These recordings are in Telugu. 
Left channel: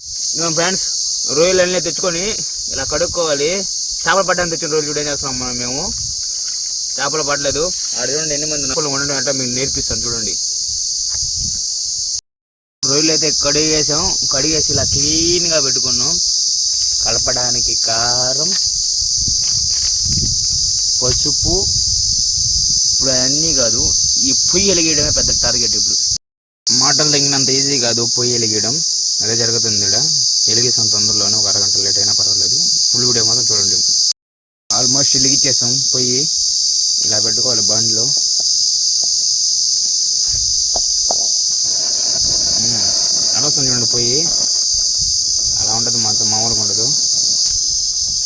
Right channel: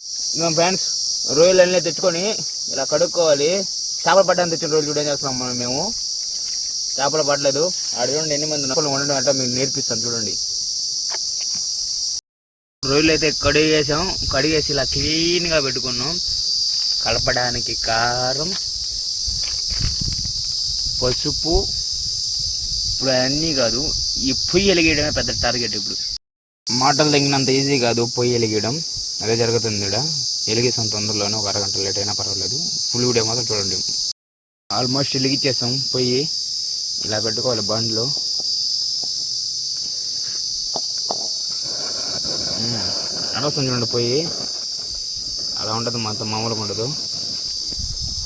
ఫ్రెండ్స్ రొయ్యలన్నీ తెచ్చుకొని ఇలా కడుక్కోవాలి. చేపలు పడ్డానికి తెచ్చిన రోజులు కూడా ఏం చేస్తున్నాం మేము చేపలు పడలేదు. ఆడ చూడండి ఎన్ని మంది నక్కలు ఉండడం అంటే మీకు నేర్పిస్తాను చూడండి. రొయ్యలు అయితే కడిగేసి ఇలా క్లీన్గా పెట్టుకున్నాం. కలపడానికి కారం, పసుపు. ఇప్పుడు అన్నీ కాదు, ఈ పొయ్యి వెలిగేయడమే పెద్ద టార్గెట్. ఇప్పుడు మాటలు తగినంత ఈజీ కాదు పొయ్యి వెలిగేయడం. అదే జరుగుతుంది ఇక్కడ. వెలిగేసాం తొందరలోనే, ఒక అరగంట లేట్ అయినా పర్వాలేదు. ఫుల్ వీడియో మాత్రం చూడండి. ఆల్మోస్ట్ వెలిగించేసాం పొయ్యి. ఇలా పెట్టుకోవాలి బండ్లో. అనవసరం చూడండి పొయ్యి అలా ఉంటుంది, మాత్రం మామూలుగా ఉండదు.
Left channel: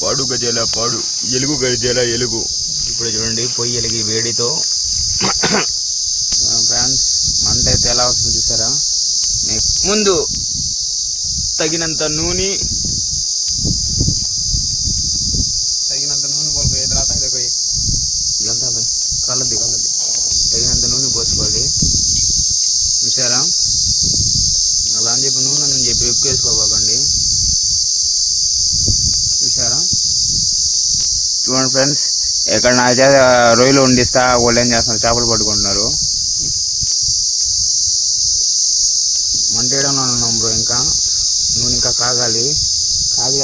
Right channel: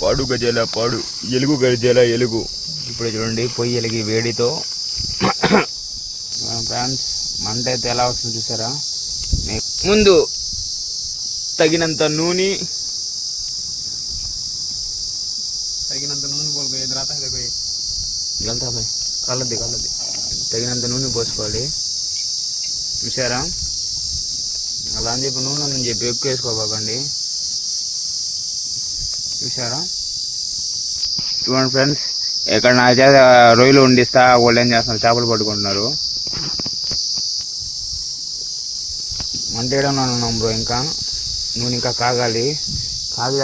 పాడు గజేల పాడు, ఎలుగు గజేల ఎలుగు. ఇప్పుడు చూడండి పొయ్యి వెలిగి వేడితో ఫ్రెండ్స్ మంట అయితే ఎలా వస్తుంది చూసారా. ముందు తగినంత నూనె కలద్ది తగినంత నూనె పోసుకోవాలి. చూసారా, అలా అని చెప్పి నూనె అని చెప్పి ఎక్కువ వేసుకోబాకండి. చూసారా, చూడండి ఫ్రెండ్స్, ఇక్కడ నా చేత రొయ్యలు వండిస్తా, వాళ్ళు ఏం చేస్తున్నారు, చేపలు పట్టుకుంటున్నారు. మంట వేయడంలో ఉన్నాం బ్రో. ఇంకా నూనె ఇంకా కాగాలి.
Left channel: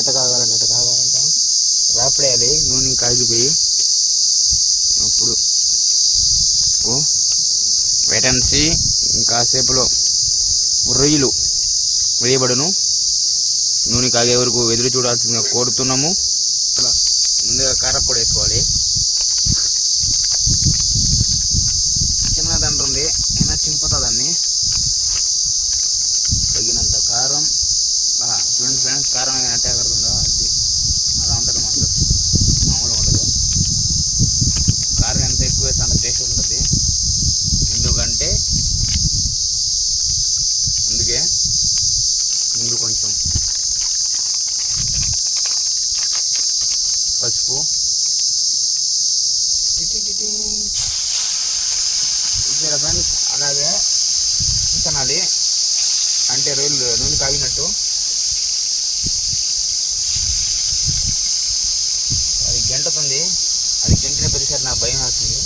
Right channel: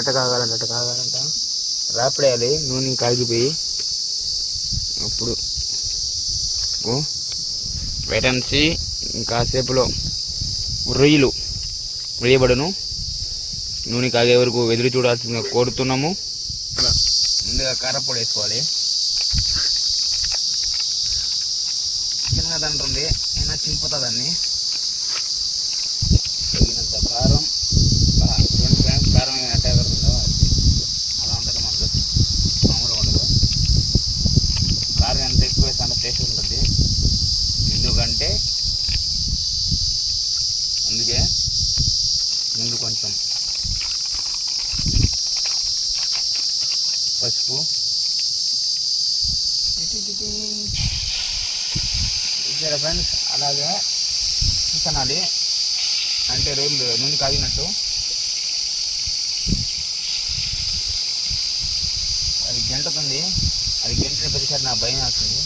ఎట్ట కాగాలంట రాపడేయాలి. నూనె కాగిపోయి అప్పుడు వెయిట్ అండ్ సీ. ఇంకాసేపులో రొయ్యలు వేయబడును. నూనె కాగే వరకు ఎదురు చూడాల్సిందిగా కోరుతున్నాము. ముందుగా కారపొడి వేసుకోవాలి. చిన్న దండ్రుంది, అయినా చింపుతుందాన్ని. తగినంత కారం. ఫ్రెండ్స్ కారం ఎట్లా కడుతుందో అలా ఉంటుంది. మనకు మామూలుగా ఉండదు. కారం ఎంత ఎక్కువ వేస్తే అంత టేస్ట్ ఉంటుంది. ఎందుకంటే అందుకే ముందు కొంచెం పసుపు, ఇక్కడ ఫ్రెండ్స్ అలాగే తినాలి. అంటే రొయ్యలు నూనె కాగినట్టు. అది గంటకుంది. అది గంటిన ప్రతిసారి నా భయం వస్తుంది.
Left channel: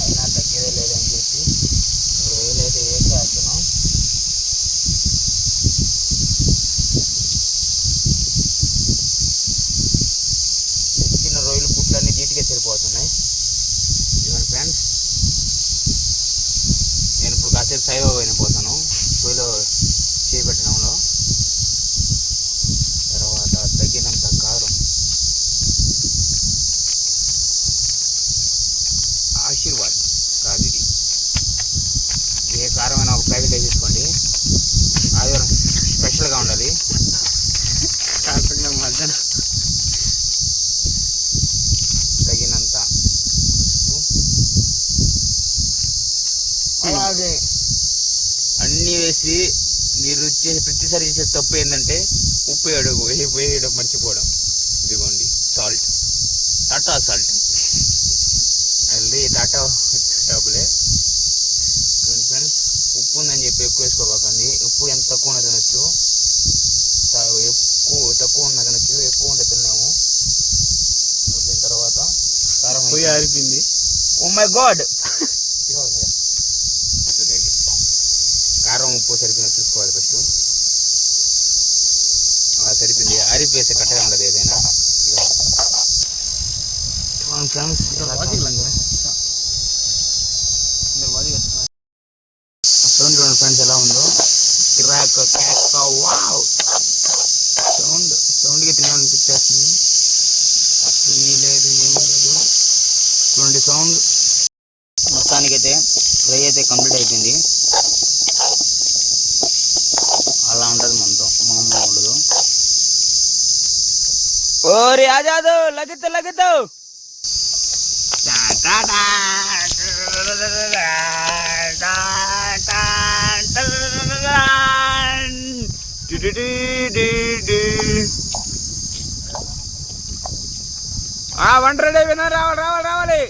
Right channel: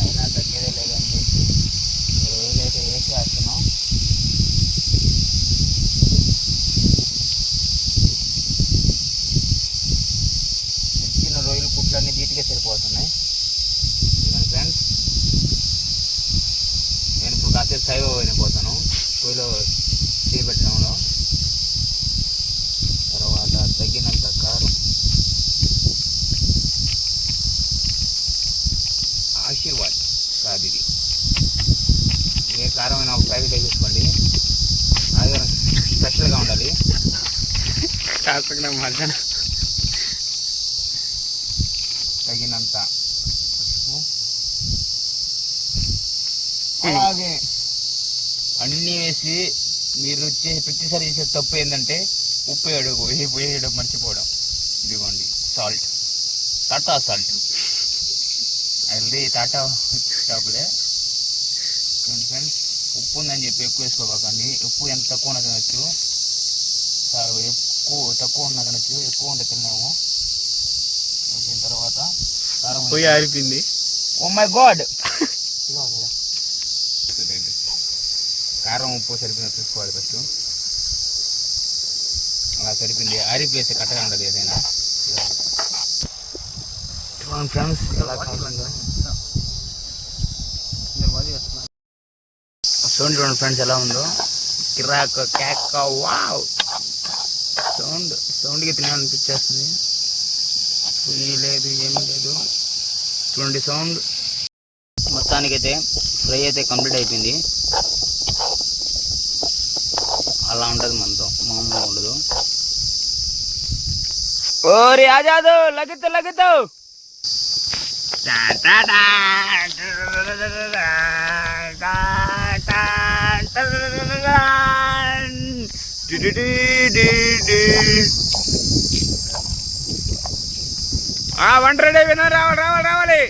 అయినా తగ్గేదే లేదని చెప్పి రొయ్యలు అయితే వేసేస్తున్నాం. తెచ్చిన రొయ్యలు కుట్లన్నీ నీట్గా సరిపోతున్నాయి. చూడండి ఫ్రెండ్స్, నేను ఇప్పుడు కాసేపు సైవ్ అయిపోతాను పొయ్యిలో చేపట్టడంలో. తర్వాత తగినంత కారం, ఆశీర్వాద్ కాదు ఇది, ఏ కారమైనా ఒక ప్యాకెట్ వేసేసుకోండి. ఆదివారం స్పెషల్గా ఉండాలి. కాకుండా మధ్యాహ్నం తగినంత ఉప్పు. అలాగే అన్నీ వేసి మీరు ప్రతిసారి చేసే తప్పు ఏంటంటే ఉప్పు వేయడం మర్చిపోవడం. ఇదిగోండి సాల్ట్, టాటా సాల్ట్. అది టాటా షాపులే ఫ్రెండ్స్. ఉప్పు ఉందని చెప్పి ఎక్కువ వేసుకోకండి. ఉప్పు ఎంత తక్కువ ఉన్న తినచ్చు, తక్కువ ఉన్న తినచ్చు. ఎక్కువ ఉంటే తిన్నాము. వచ్చిన తర్వాత కారం పొయ్యి ఆరిపోయింది. Oh my God. కారం ఉప్పు సరిపోయినా చూసుకోవాలి ఫస్ట్. అలా సరిపోయింది. ఆరిపోయేస్తే కట్టగా ఉండదు ఏదైనా. ఫ్రెండ్స్ ఎలా కాకుండా చూడండి ఫ్రెండ్స్ ఎలా ఉందో. కిరాక్ కేక్ వావ్. సౌండ్కి తినాలనిపించేస్తుంది. లేదు ఏమీ లేదు. చూడండి సౌండ్. మొత్తానికైతే ఫ్రై అయితే కంప్లీట్ అయిపోయింది. అలా ఉంటుంది మనతో, మామూలుగా ఉండదు. ఓరి ఆజాదు లగితూ వంట రెడీ అయిపోయినా. రావాలి.